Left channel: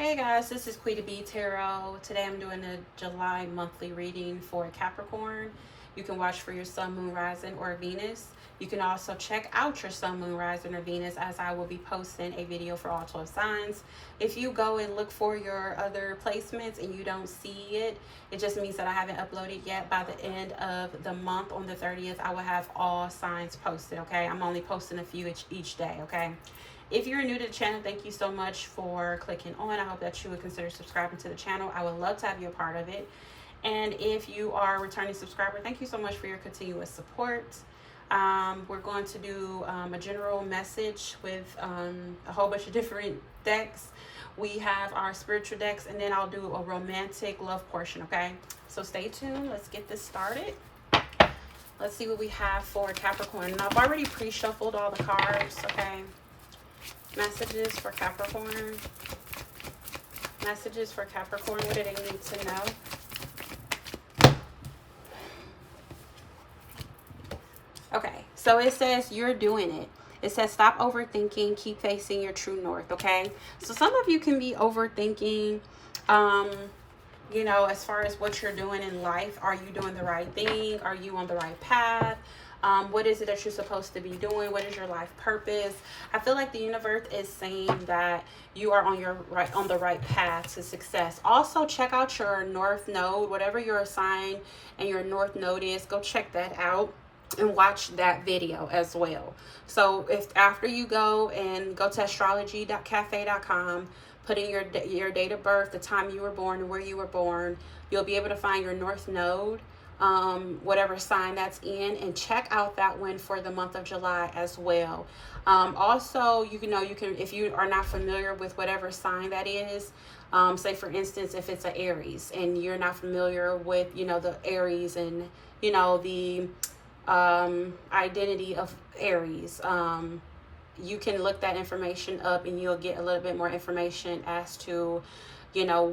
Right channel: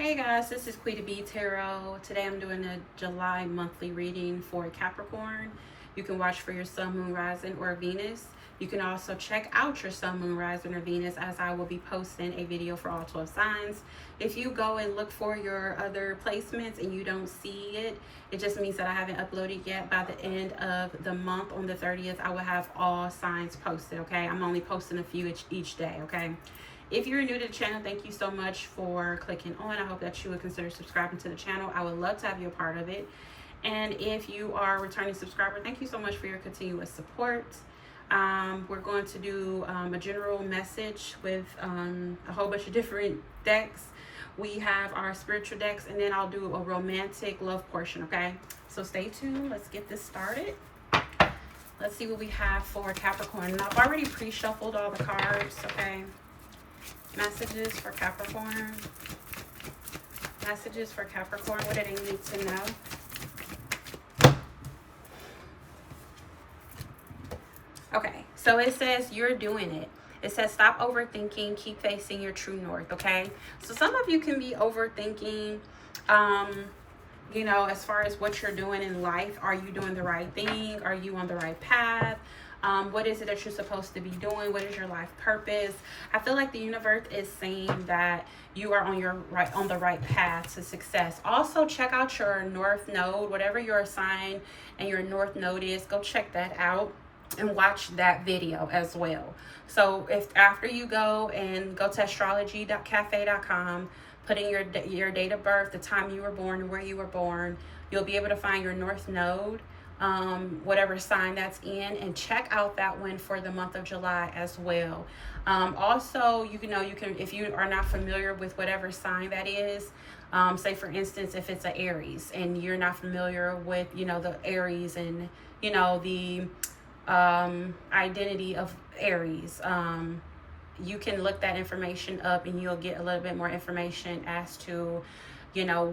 Hey guys, this is Quita B Tarot. Today I'm doing a July monthly reading for Capricorn. You can watch for your Sun, Moon, Rising, or Venus. You can also check out your Sun, Moon, Rising, or Venus, as I will be posting a video for all 12 signs. If you go and look for your other placements and you don't see it, it just means that I haven't uploaded yet. By the end of the month, on the 30th, I will have all signs posted, okay? I'm only posting a few each day, okay? If you're new to the channel, thank you so much for clicking on. I hope that you would consider subscribing to the channel. I would love to have you a part of it. And if you are a returning subscriber, thank you so much for your continuous support. We're going to do a general message with a whole bunch of different decks. We have our spiritual decks, and then I'll do a romantic love portion, okay? So stay tuned. Let's get this started. Let's see what we have for Capricorn. Now, I've already pre-shuffled all the cards, okay? Messages for Capricorn. Messages for Capricorn. What do they need to know? Okay, so it says you're doing it. It says stop overthinking, keep facing your true north, okay? So some of you can be overthinking, you know, as far as what you're doing in life. Are you doing the right thing? Are you on the right path? What is it that you're supposed to be doing? What is your life purpose? I feel like the universe is saying that you are on the right path to success. Also, check out your north node, whatever your sign and your north node is. Go check that out and watch that video as well. So if after you go to astrology.cafe.com, put in your date of birth, the time you were born, and where you were born, you'll be able to find your north node, whatever sign that's in, and check out that one for the month of July as well. Also, you can, if you are not familiar with whatever sign that is, say for instance, if it's an Aries and you're not familiar with, the Aries and, the identity of Aries, you can look that information up and you'll get a little bit more information as to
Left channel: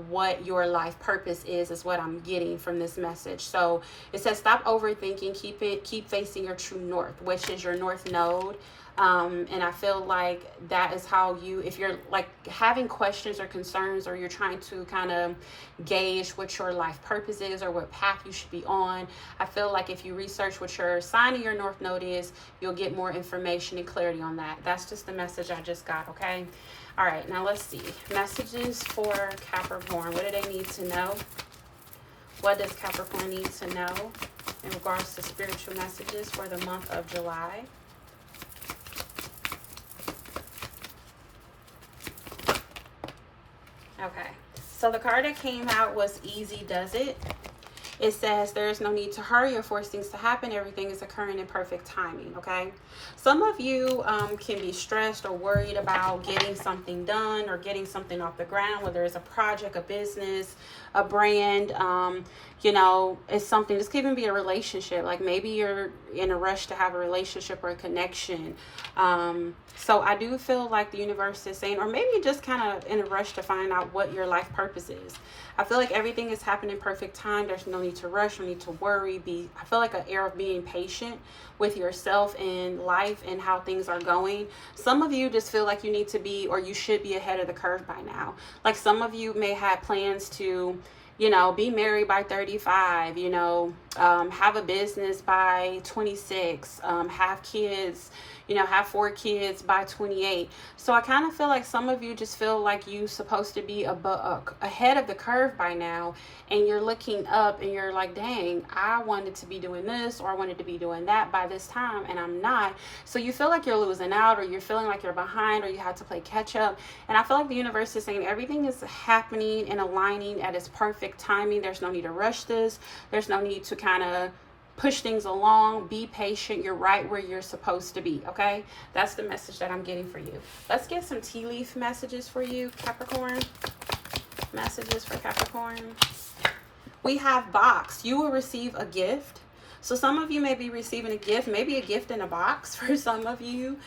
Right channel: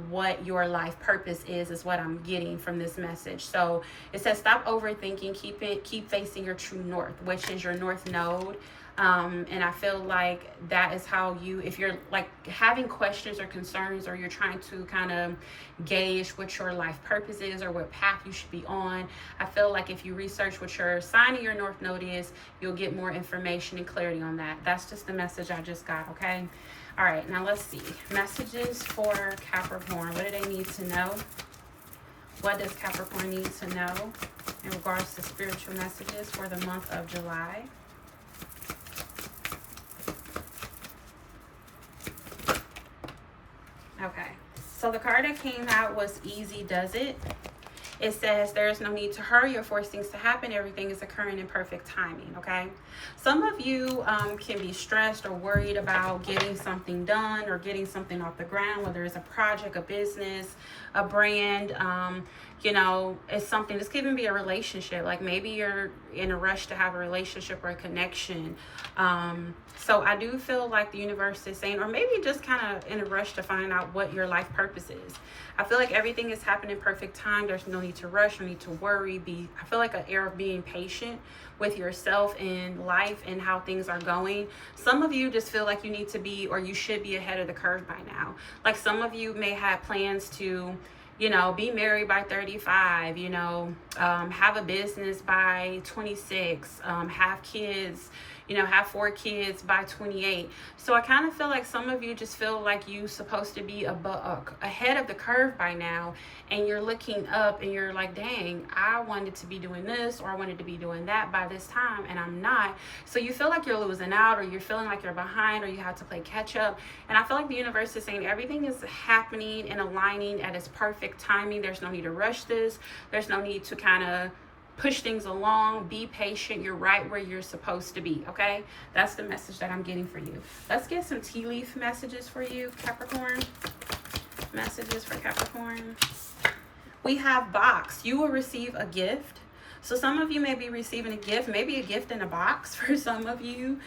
what your life purpose is what I'm getting from this message. So it says stop overthinking, keep facing your true north, which is your north node. And I feel like that is how if you're like having questions or concerns, or you're trying to kind of gauge what your life purpose is or what path you should be on, I feel like if you research what your sign of your north node is, you'll get more information and clarity on that. That's just the message I just got, okay? All right, now let's see. Messages for Capricorn. What do they need to know? What does Capricorn need to know in regards to spiritual messages for the month of July? Okay, so the card that came out was Easy Does It. It says there is no need to hurry or force things to happen. Everything is occurring in perfect timing, okay? Some of you can be stressed or worried about getting something done or getting something off the ground, whether it's a project, a business, a brand, it's something. This could even be a relationship. Like maybe you're in a rush to have a relationship or a connection. So I do feel like the universe is saying, or maybe just kind of in a rush to find out what your life purpose is. I feel like everything is happening in perfect time. There's no need to rush, no need to worry. I feel like an air of being patient with yourself and life and how things are going. Some of you just feel like you need to be, or you should be ahead of the curve by now. Like some of you may have plans to, be married by 35, have a business by 26, have kids, have 4 kids by 28. So I kind of feel like some of you just feel like you're supposed to be ahead of the curve by now, and you're looking up and you're like, dang, I wanted to be doing this, or I wanted to be doing that by this time, and I'm not. So you feel like you're losing out, or you're feeling like you're behind, or you have to play catch up. And I feel like the universe is saying everything is happening and aligning at its perfect timing. There's no need to rush this. There's no need to kind of push things along. Be patient. You're right where you're supposed to be, okay? That's the message that I'm getting for you. Let's get some tea leaf messages for you, Capricorn. Messages for Capricorn. We have box. You will receive a gift. So some of you may be receiving a gift, maybe a gift in a box for some of you.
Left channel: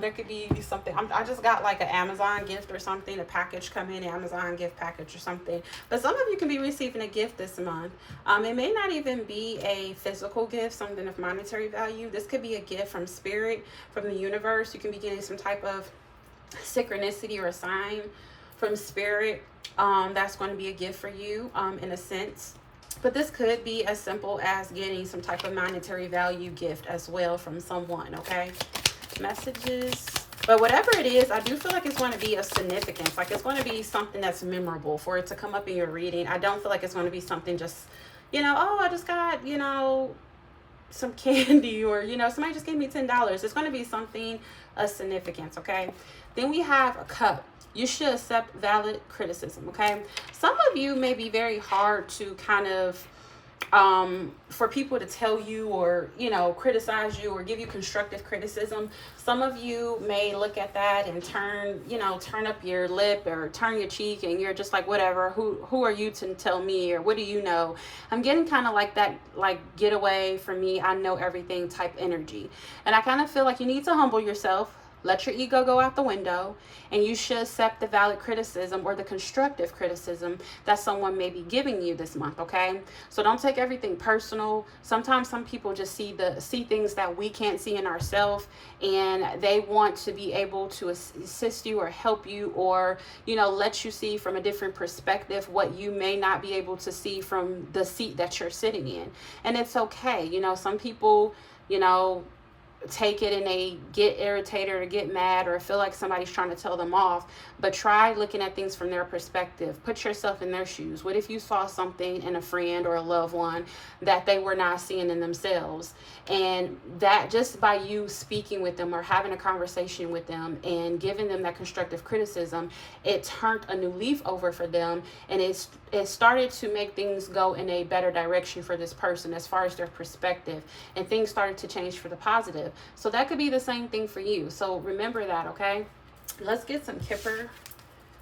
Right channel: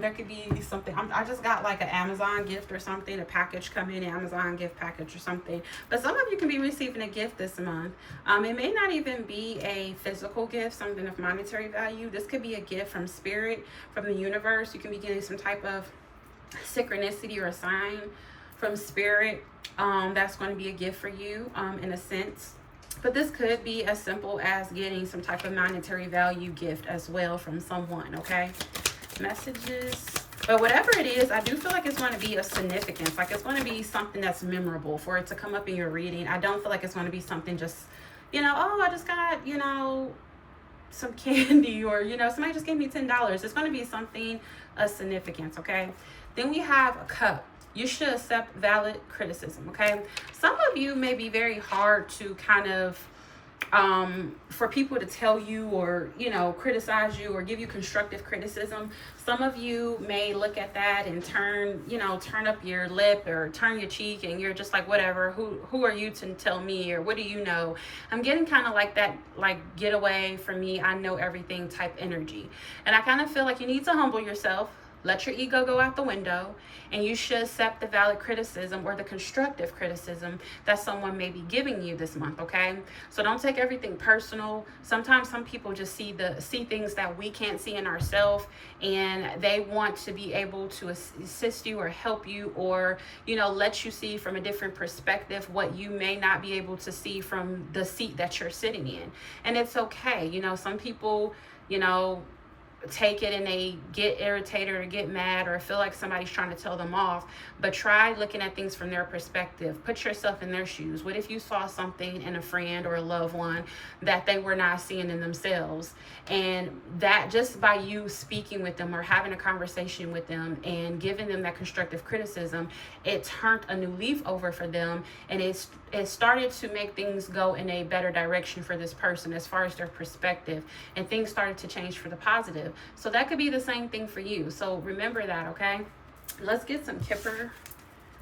There could be something. I just got like an Amazon gift or something, a package come in, Amazon gift package or something. But some of you can be receiving a gift this month. It may not even be a physical gift, something of monetary value. This could be a gift from spirit, from the universe. You can be getting some type of synchronicity or a sign from spirit. That's going to be a gift for you in a sense. But this could be as simple as getting some type of monetary value gift as well from someone, okay? Messages. But whatever it is, I do feel like it's going to be of significance. Like it's going to be something that's memorable for it to come up in your reading. I don't feel like it's going to be something just, you know, oh, I just got, you know, some candy, or, you know, somebody just gave me $10. It's going to be something of significance, okay? Then we have a cup. You should accept valid criticism, okay? Some of you may be very hard to kind of, for people to tell you or, you know, criticize you or give you constructive criticism. Some of you may look at that and turn up your lip or turn your cheek, and you're just like, whatever, who are you to tell me, or what do you know? I'm getting kind of like that, like, get away from me, I know everything type energy. And I kind of feel like you need to humble yourself. Let your ego go out the window, and you should accept the valid criticism or the constructive criticism that someone may be giving you this month, okay? So don't take everything personal. Sometimes some people just see things that we can't see in ourselves, and they want to be able to assist you or help you, or, you know, let you see from a different perspective what you may not be able to see from the seat that you're sitting in. And it's okay. You know, some people, you know, take it and they get irritated or get mad or feel like somebody's trying to tell them off. But try looking at things from their perspective. Put yourself in their shoes. What if you saw something in a friend or a loved one that they were not seeing in themselves, and that just by you speaking with them or having a conversation with them and giving them that constructive criticism, it turned a new leaf over for them, and it started to make things go in a better direction for this person as far as their perspective, and things started to change for the positive. So that could be the same thing for you. So remember that, okay? Let's get some Kipper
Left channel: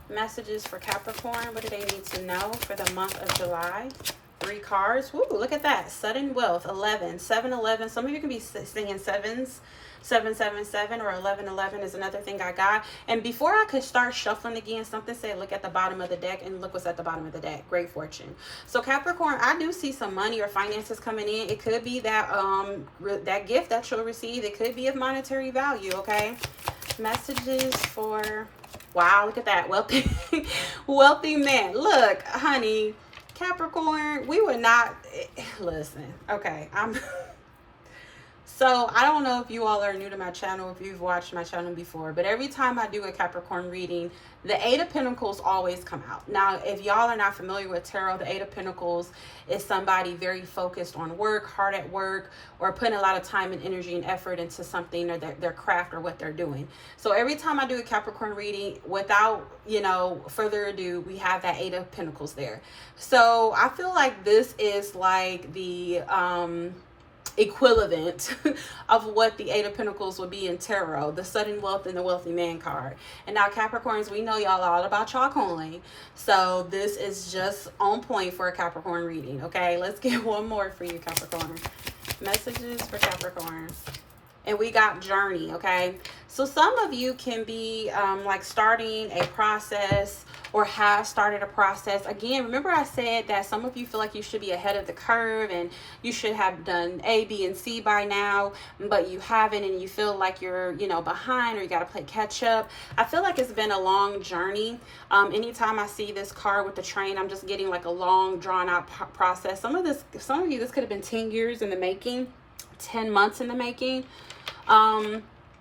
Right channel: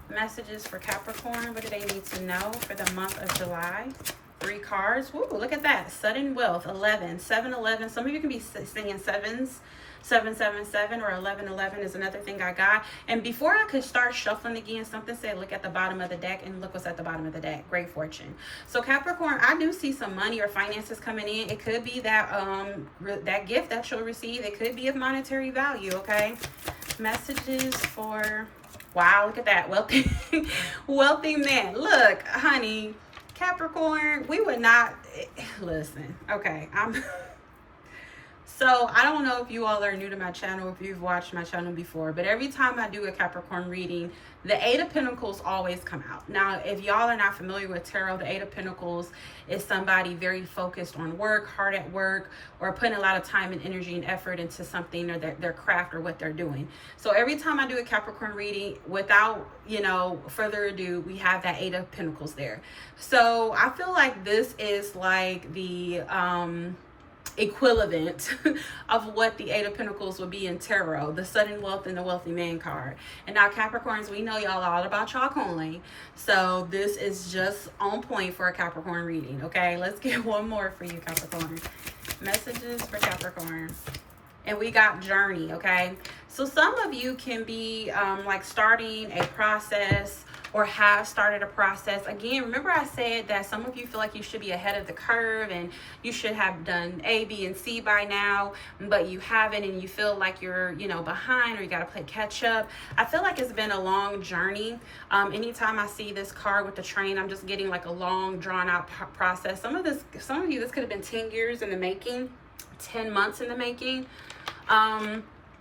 messages for Capricorn. What do they need to know for the month of July? 3 cards. Woo, look at that. Sudden wealth. 11. 7-11. Some of you can be singing sevens. 777 or 1111 is another thing I got. And before I could start shuffling again, something said look at the bottom of the deck, and look what's at the bottom of the deck. Great fortune. So Capricorn, I do see some money or finances coming in. It could be that that gift that you'll receive. It could be of monetary value, okay? Messages for, wow, look at that. Wealthy wealthy man. Look, honey, Capricorn, we would not listen. Okay, so I don't know if you all are new to my channel, if you've watched my channel before, but every time I do a Capricorn reading, the 8 of Pentacles always come out. Now, if y'all are not familiar with tarot, the 8 of Pentacles is somebody very focused on work, hard at work, or putting a lot of time and energy and effort into something, or their craft or what they're doing. So every time I do a Capricorn reading, without, you know, further ado, we have that 8 of Pentacles there. So I feel like this is like the equivalent of what the 8 of Pentacles would be in tarot, the sudden wealth and the wealthy man card. And now Capricorns, we know y'all all about y'all coin, so this is just on point for a Capricorn reading. Okay, let's get one more for you, Capricorn. Messages for Capricorn. And we got journey. Okay, so some of you can be like starting a process or have started a process. Again, remember I said that some of you feel like you should be ahead of the curve and you should have done A, B, and C by now, but you haven't, and you feel like you're, you know, behind, or you got to play catch up. I feel like it's been a long journey. Anytime I see this card with the train, I'm just getting like a long drawn out process. Some of you, this could have been 10 years in the making, 10 months in the making.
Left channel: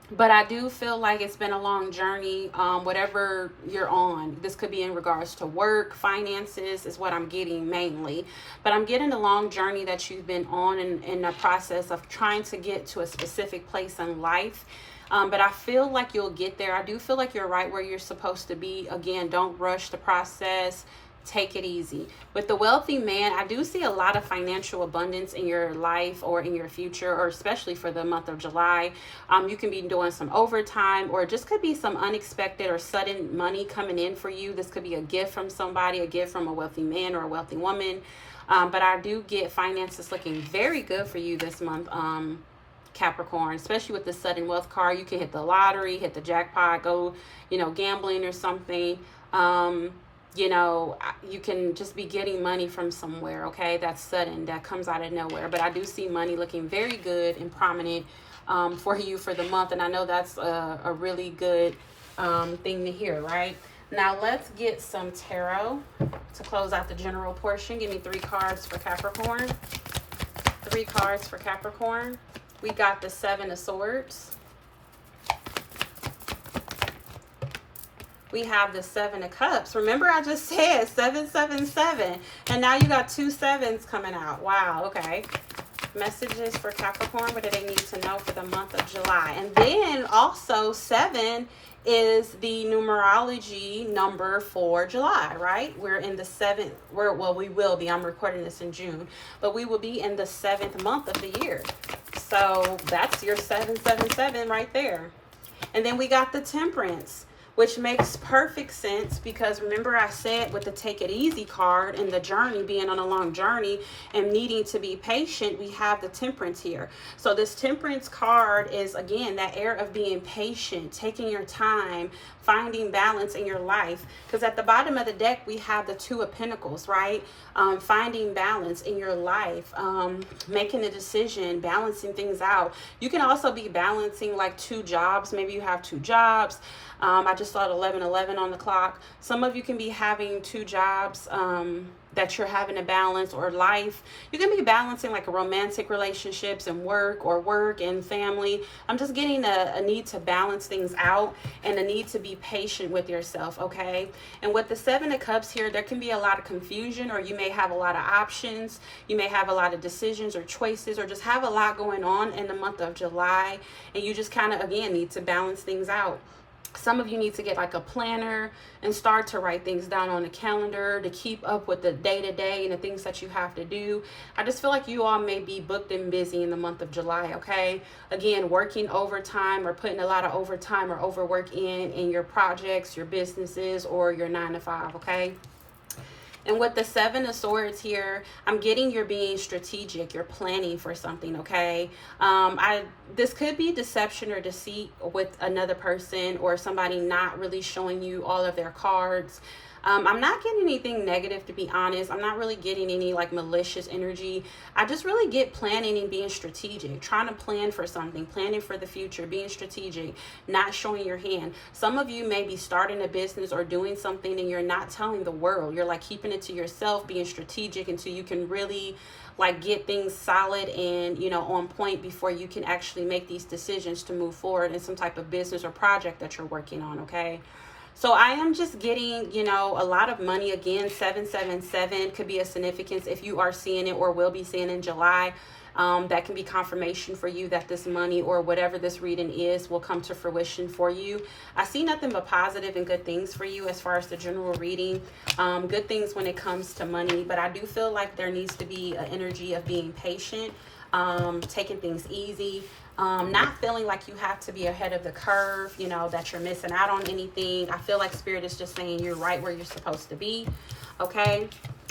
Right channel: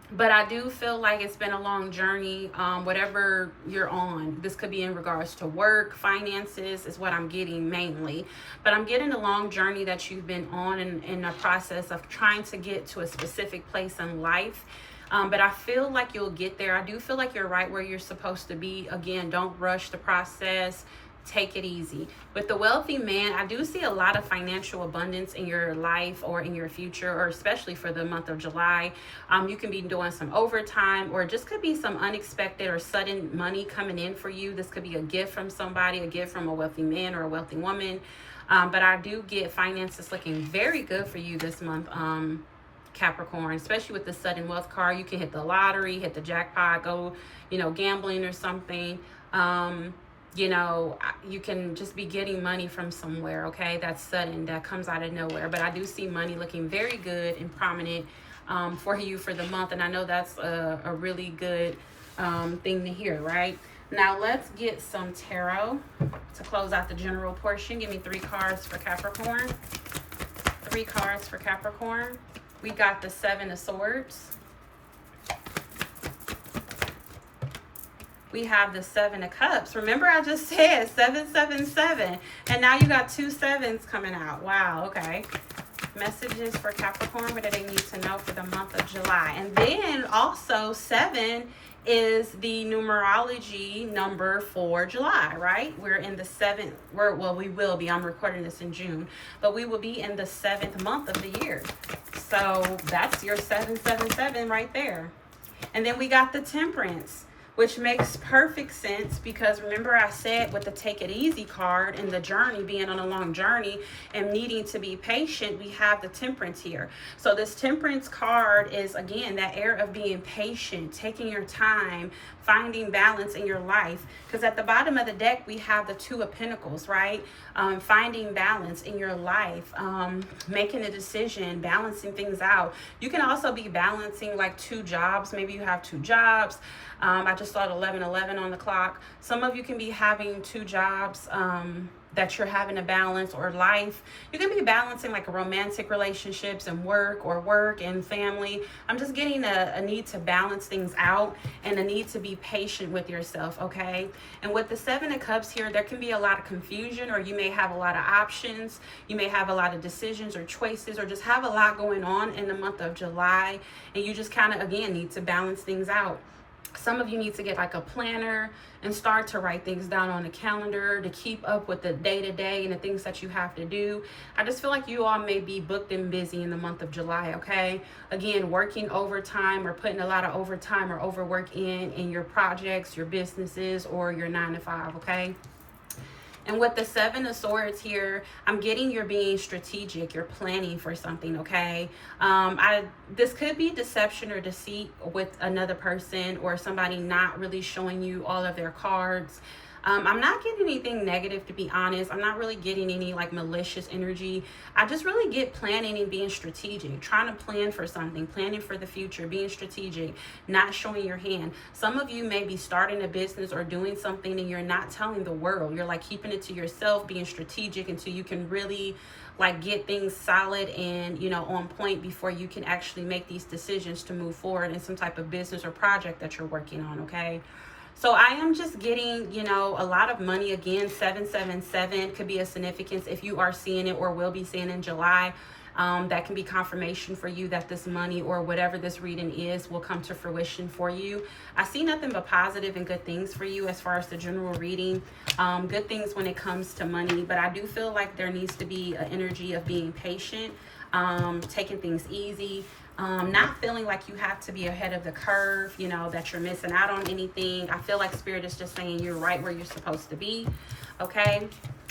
But I do feel like it's been a long journey, whatever you're on. This could be in regards to work, finances is what I'm getting mainly. But I'm getting a long journey that you've been on in the process of trying to get to a specific place in life. But I feel like you'll get there. I do feel like you're right where you're supposed to be. Again, don't rush the process. Take it easy. With the wealthy man, I do see a lot of financial abundance in your life or in your future, or especially for the month of July. You can be doing some overtime, or just could be some unexpected or sudden money coming in for you. This could be a gift from somebody, a gift from a wealthy man or a wealthy woman. But I do get finances looking very good for you this month, Capricorn, especially with the sudden wealth card. You can hit the lottery, hit the jackpot, go, you know, gambling or something. You know, you can just be getting money from somewhere, okay? That's sudden, that comes out of nowhere. But I do see money looking very good and prominent for you for the month. And I know that's a really good thing to hear, right? Now let's get some tarot to close out the general portion. Give me 3 cards for Capricorn. 3 cards for Capricorn. We got the 7 of Swords. We have the 7 of Cups. Remember I just said 777. And now you got 2 sevens coming out. Wow, okay. Messages for Capricorn. What do they need to know for the month of July? And then also 7 is the numerology number for July, right? We're in the 7th, well, we will be. I'm recording this in June, but we will be in the 7th month of the year. So that's your 777 right there. And then we got the Temperance, which makes perfect sense because remember I said with the Take It Easy card and the journey, being on a long journey and needing to be patient, we have the Temperance here. So this Temperance card is, again, that air of being patient, taking your time, finding balance in your life. Because at the bottom of the deck, we have the 2 of Pentacles, right? Finding balance in your life, making a decision, balancing things out. You can also be balancing like 2 jobs. Maybe you have 2 jobs. I just saw 11:11 on the clock. Some of you can be having 2 jobs that you're having to balance, or life. You can be balancing like romantic relationships and work, or work and family. I'm just getting a need to balance things out and a need to be patient with yourself, okay? And with the 7 of Cups here, there can be a lot of confusion, or you may have a lot of options. You may have a lot of decisions or choices, or just have a lot going on in the month of July. And you just kind of, again, need to balance things out. Some of you need to get like a planner and start to write things down on a calendar to keep up with the day-to-day and the things that you have to do. I just feel like you all may be booked and busy in the month of July, okay? Again, working overtime or putting a lot of overtime or overwork in your projects, your businesses, or your 9 to 5, okay? And with the 7 of Swords here, I'm getting you're being strategic. You're planning for something, okay? This could be deception or deceit with another person, or somebody not really showing you all of their cards. I'm not getting anything negative, to be honest. I'm not really getting any like malicious energy. I just really get planning and being strategic, trying to plan for something, planning for the future, being strategic, not showing your hand. Some of you may be starting a business or doing something and you're not telling the world. You're like keeping it to yourself, being strategic until you can really like get things solid and, you know, on point before you can actually make these decisions to move forward in some type of business or project that you're working on, okay? So I am just getting, you know, a lot of money. Again, 777 could be a significance if you are seeing it or will be seeing in July. That can be confirmation for you that this money or whatever this reading is will come to fruition for you. I see nothing but positive and good things for you as far as the general reading. Good things when it comes to money. But I do feel like there needs to be an energy of being patient, taking things easy. Not feeling like you have to be ahead of the curve, you know, that you're missing out on anything. I feel like Spirit is just saying you're right where you're supposed to be, okay?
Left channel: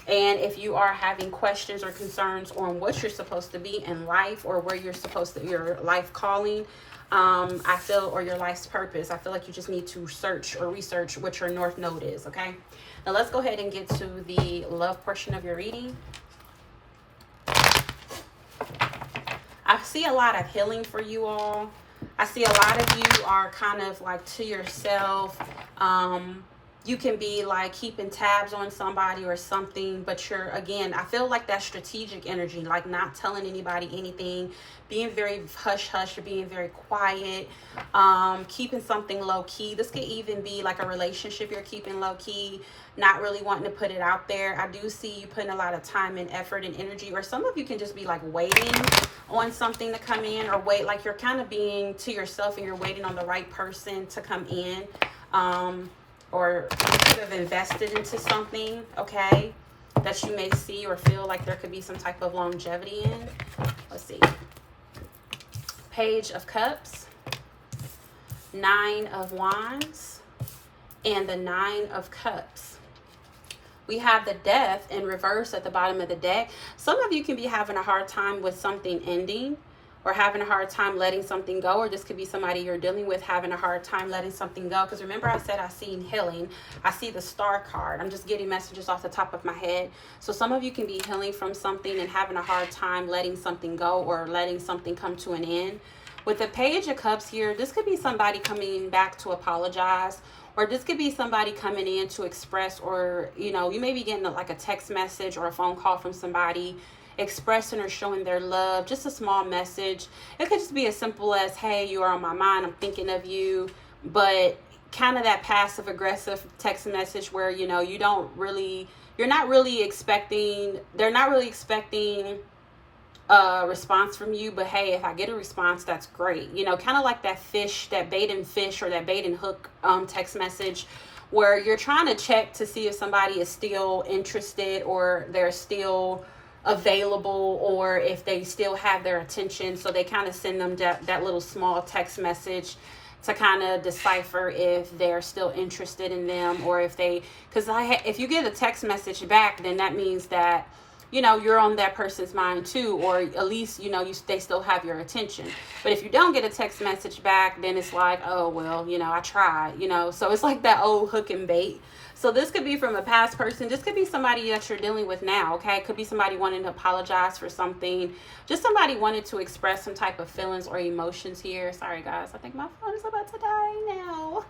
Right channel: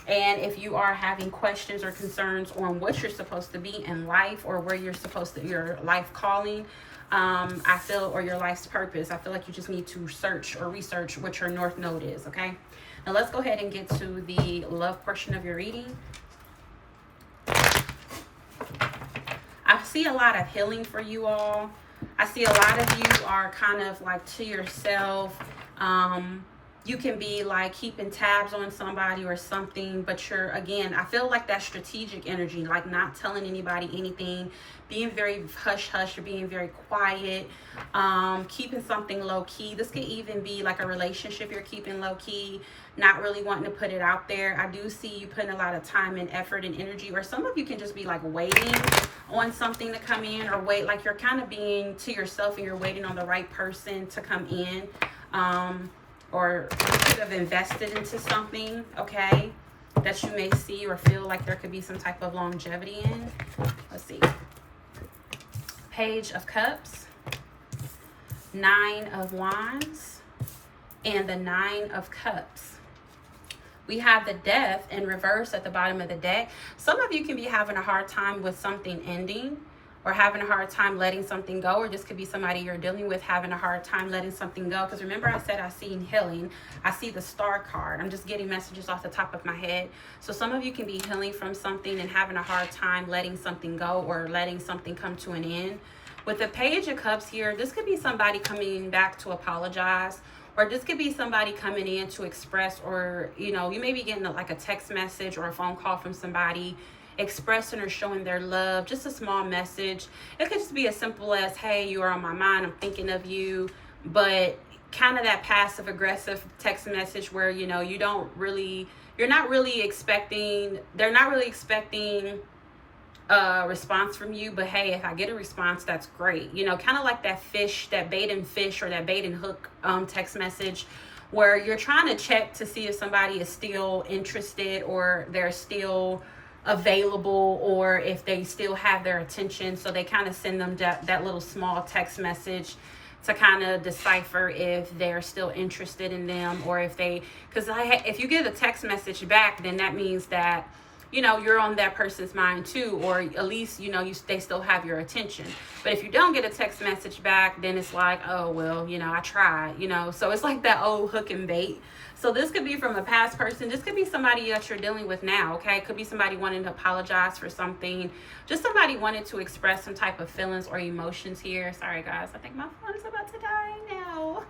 And if you are having questions or concerns on what you're supposed to be in life, or where you're supposed to, your life calling, I feel, or your life's purpose, I feel like you just need to search or research what your North Node is, okay? Now let's go ahead and get to the love portion of your reading. I see a lot of healing for you all. I see a lot of you are kind of like to yourself. You can be like keeping tabs on somebody or something, but you're, again, I feel like that strategic energy, like not telling anybody anything, being very hush-hush, or being very quiet, keeping something low-key. This could even be like a relationship you're keeping low-key, not really wanting to put it out there. I do see you putting a lot of time and effort and energy, or some of you can just be like waiting on something to come in, or wait, like you're kind of being to yourself and you're waiting on the right person to come in, or you could have invested into something, okay, that you may see or feel like there could be some type of longevity in. Let's see. Page of Cups, 9 of Wands, and the 9 of Cups. We have the Death in reverse at the bottom of the deck. Some of you can be having a hard time with something ending, or having a hard time letting something go, or this could be somebody you're dealing with having a hard time letting something go. Because remember I said I seen healing. I see the Star card. I'm just getting messages off the top of my head. So some of you can be healing from something and having a hard time letting something go, or letting something come to an end. With the Page of Cups here, this could be somebody coming back to apologize, Or this could be somebody coming in to express, or, you know, you may be getting like a text message or a phone call from somebody expressing or showing their love, just a small message. It could just be as simple as, hey, you are on my mind, I'm thinking of you. But kind of that passive aggressive text message where, you know, you're not really expecting, they're not really expecting a response from you, but hey, if I get a response, that's great. You know, kind of like that fish, that bait and fish, or that bait and hook text message, where you're trying to check to see if somebody is still interested, or they're still available, or if they still have their attention. So they kind of send them that little small text message to kind of decipher if they're still interested in them, or if they, because if you get a text message back, then that means that, you know, you're on that person's mind too, or at least, you know, they still have your attention. But if you don't get a text message back, then it's like, oh, well, you know, I tried, you know. So it's like that old hook and bait. So this could be from a past person. This could be somebody that you're dealing with now, okay? It could be somebody wanting to apologize for something. Just somebody wanted to express some type of feelings or emotions here. Sorry, guys. I think my phone is about to die now.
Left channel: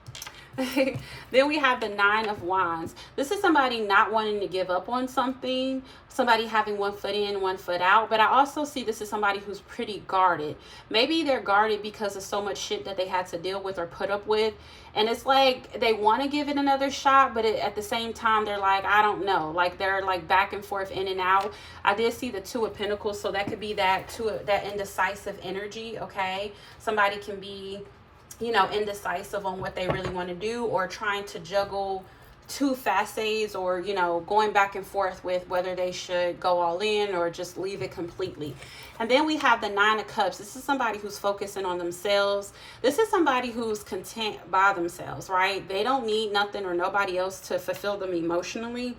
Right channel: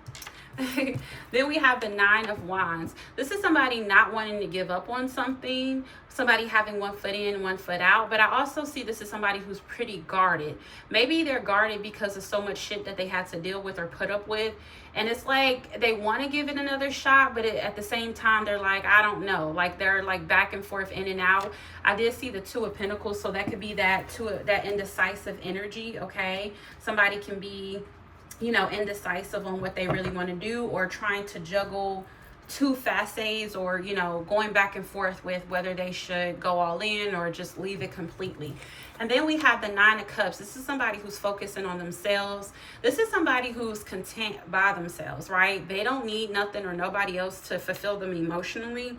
Then we have the 9 of Wands. This is somebody not wanting to give up on something, somebody having one foot in, one foot out. But I also see this is somebody who's pretty guarded. Maybe they're guarded because of so much shit that they had to deal with or put up with. And it's like they want to give it another shot, but at the same time, they're like, I don't know. Like they're like back and forth, in and out. I did see the 2 of Pentacles, so that could be that indecisive energy, okay? Somebody can be, you know, indecisive on what they really want to do, or trying to juggle 2 facets, or, you know, going back and forth with whether they should go all in or just leave it completely. And then we have the 9 of Cups. This is somebody who's focusing on themselves. This is somebody who's content by themselves, right? They don't need nothing or nobody else to fulfill them emotionally.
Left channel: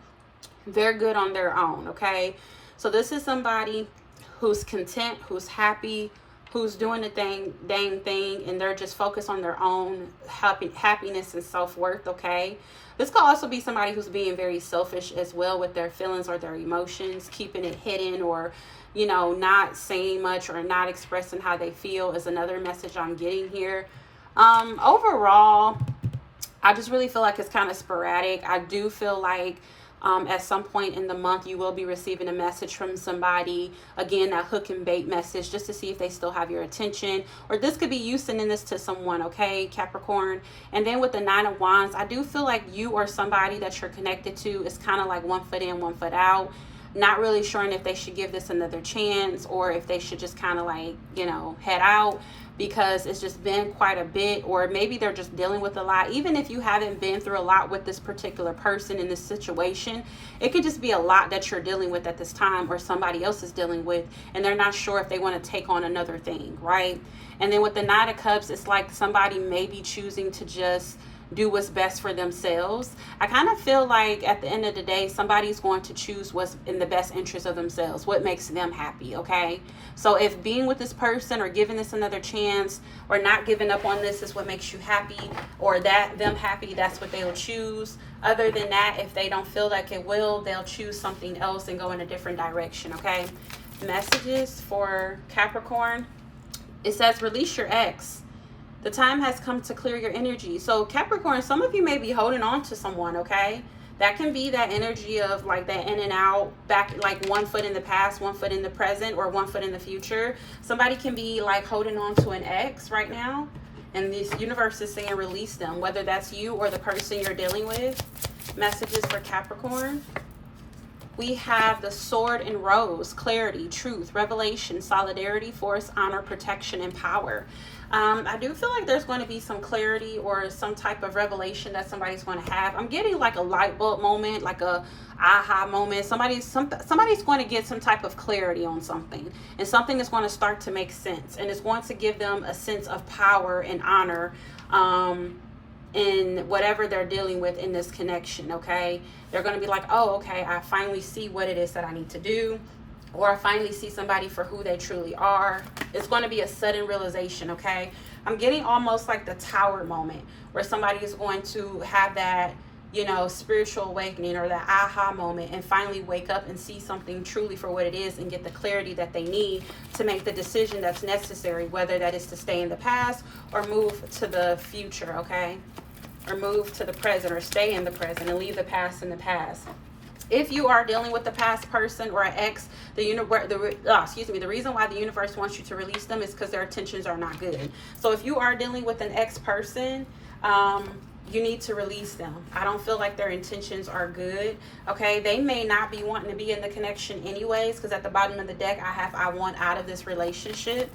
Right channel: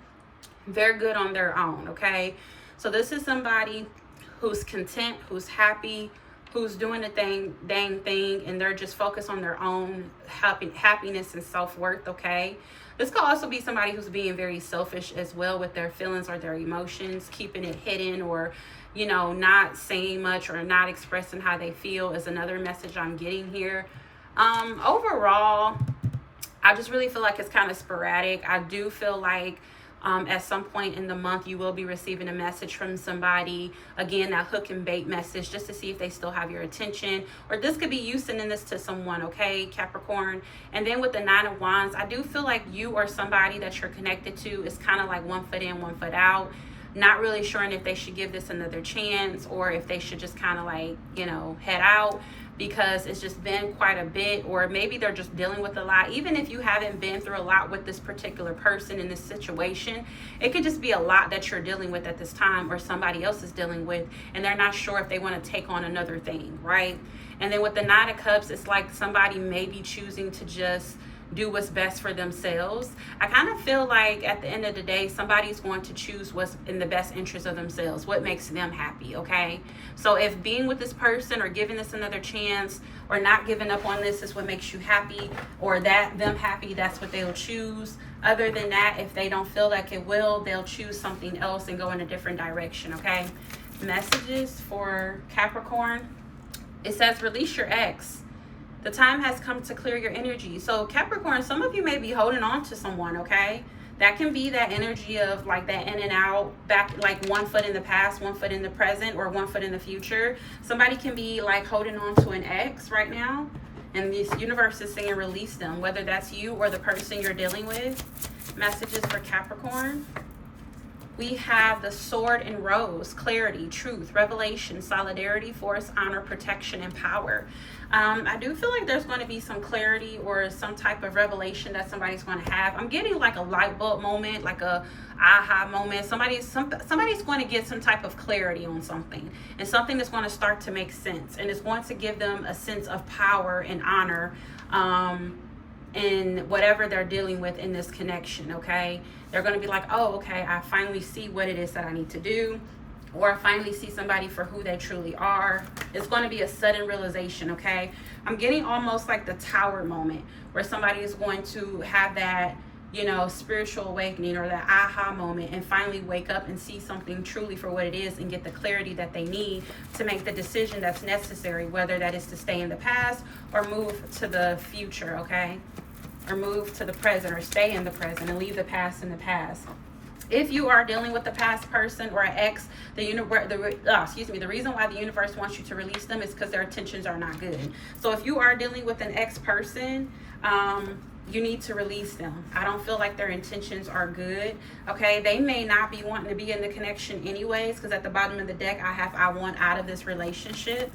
They're good on their own, okay? So this is somebody who's content, who's happy, who's doing the dang thing, and they're just focused on their own happiness and self-worth, okay? This could also be somebody who's being very selfish as well with their feelings or their emotions, keeping it hidden, or, you know, not saying much or not expressing how they feel is another message I'm getting here. Overall, I just really feel like it's kind of sporadic. I do feel like at some point in the month, you will be receiving a message from somebody. Again, that hook and bait message, just to see if they still have your attention. Or this could be you sending this to someone, okay, Capricorn? And then with the 9 of Wands, I do feel like you or somebody that you're connected to is kind of like one foot in, one foot out. Not really sure if they should give this another chance, or if they should just kind of like, you know, head out, because it's just been quite a bit. Or maybe they're just dealing with a lot. Even if you haven't been through a lot with this particular person in this situation, it could just be a lot that you're dealing with at this time, or somebody else is dealing with, and they're not sure if they want to take on another thing, right? And then with the 9 of Cups, it's like somebody may be choosing to just do what's best for themselves. I kind of feel like at the end of the day, somebody's going to choose what's in the best interest of themselves, what makes them happy, okay? So if being with this person, or giving this another chance, or not giving up on this is what makes you happy, or them happy, that's what they'll choose. Other than that, if they don't feel like it will, they'll choose something else and go in a different direction, okay? Messages for Capricorn. It says, release your ex. The time has come to clear your energy. So Capricorn, some of you may be holding on to someone, okay? That can be that energy of like that in and out, back, like one foot in the past, one foot in the present, or one foot in the future. Somebody can be like holding on to an ex right now, and this universe is saying release them, whether that's you or the person you're dealing with. Messages for Capricorn. We have the Sword and Rose, clarity, truth, revelation, solidarity, force, honor, protection, and power. I do feel like there's going to be some clarity or some type of revelation that somebody's going to have. I'm getting like a light bulb moment, like a aha moment. Somebody's going to get some type of clarity on something, and something that's going to start to make sense, and it's going to give them a sense of power and honor in whatever they're dealing with in this connection, okay? They're going to be like, oh, okay, I finally see what it is that I need to do, or I finally see somebody for who they truly are. It's going to be a sudden realization, okay? I'm getting almost like the Tower moment, where somebody is going to have that, you know, spiritual awakening, or that aha moment, and finally wake up and see something truly for what it is, and get the clarity that they need to make the decision that's necessary, whether that is to stay in the past or move to the future, okay? or move to the present, or stay in the present and leave the past in the past. If you are dealing with a past person or an ex, the reason why the universe wants you to release them is because their intentions are not good. So if you are dealing with an ex person, you need to release them. I don't feel like their intentions are good. Okay, they may not be wanting to be in the connection anyways, because at the bottom of the deck I want out of this relationship.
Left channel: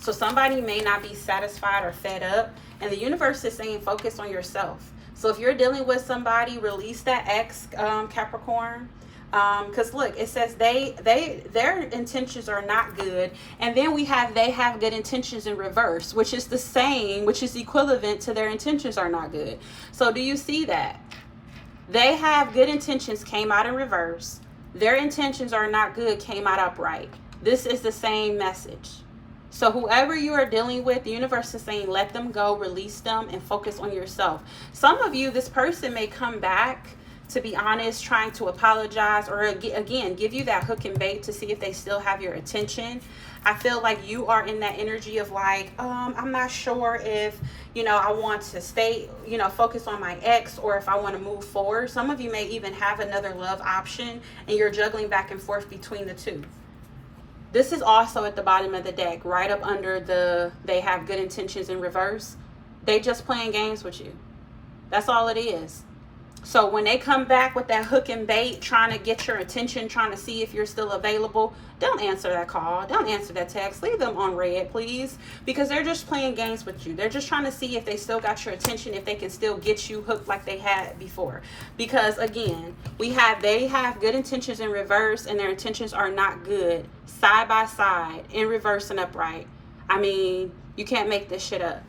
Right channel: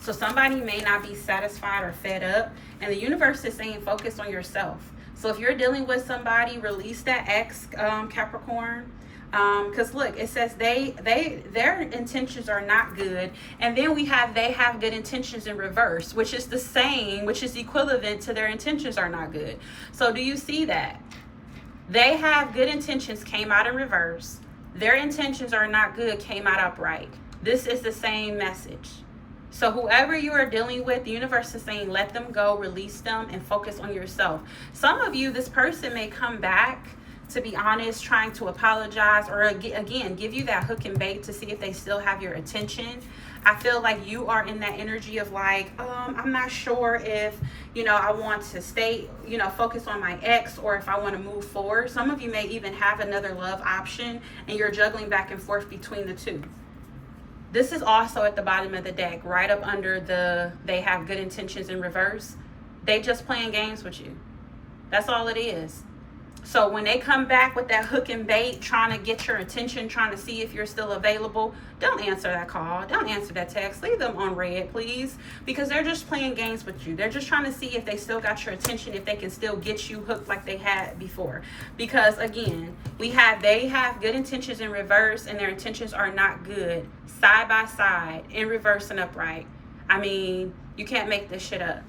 So somebody may not be satisfied or fed up, and the universe is saying focus on yourself. So if you're dealing with somebody, release that ex, Capricorn. Because look, it says their intentions are not good, and then they have good intentions in reverse, which is the same, which is equivalent to their intentions are not good. So do you see that? They have good intentions, came out in reverse. Their intentions are not good, came out upright. This is the same message. So whoever you are dealing with, the universe is saying, let them go, release them, and focus on yourself. Some of you, this person may come back, to be honest, trying to apologize, or again, give you that hook and bait to see if they still have your attention. I feel like you are in that energy of like, I'm not sure if, I want to stay, focus on my ex, or if I want to move forward. Some of you may even have another love option, and you're juggling back and forth between the two. This is also at the bottom of the deck, right up under they have good intentions in reverse. They just playing games with you. That's all it is. So when they come back with that hook and bait, trying to get your attention, trying to see if you're still available, don't answer that call. Don't answer that text. Leave them on red, please, because they're just playing games with you. They're just trying to see if they still got your attention, if they can still get you hooked like they had before. Because again, they have good intentions in reverse, and their intentions are not good. Side by side, in reverse and upright. I mean, you can't make this shit up.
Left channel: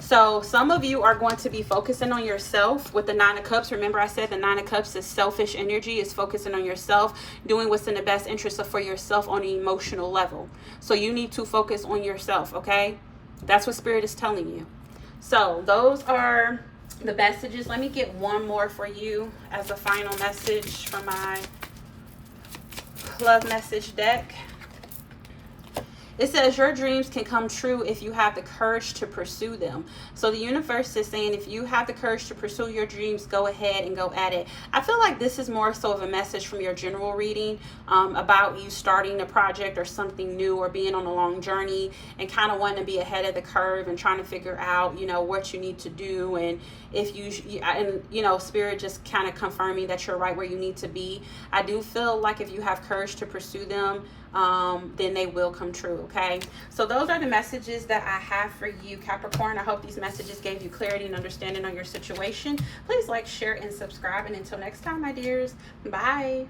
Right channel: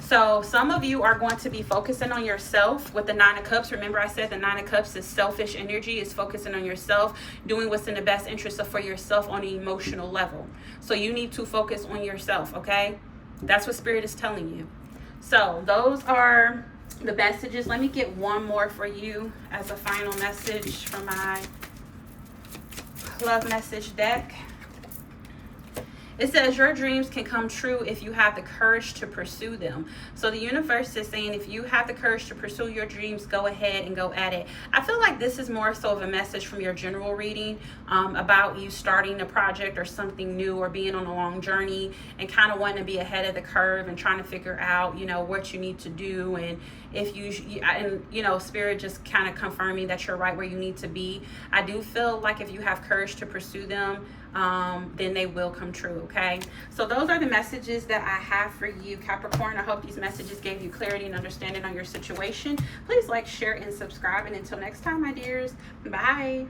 So some of you are going to be focusing on yourself with the Nine of Cups. Remember, I said the Nine of Cups is selfish energy, is focusing on yourself, doing what's in the best interest for yourself on an emotional level. So you need to focus on yourself, okay? That's what Spirit is telling you. So those are the messages. Let me get one more for you as a final message from my love message deck. It says your dreams can come true if you have the courage to pursue them. So the universe is saying if you have the courage to pursue your dreams, go ahead and go at it. I feel like this is more so of a message from your general reading about you starting a project or something new, or being on a long journey and kind of wanting to be ahead of the curve and trying to figure out, what you need to do. And if Spirit just kind of confirming that you're right where you need to be. I do feel like if you have courage to pursue them, then they will come true. Okay, so those are the messages that I have for you, Capricorn. I hope these messages gave you clarity and understanding on your situation. Please like, share, and subscribe, and until next time, my dears, bye.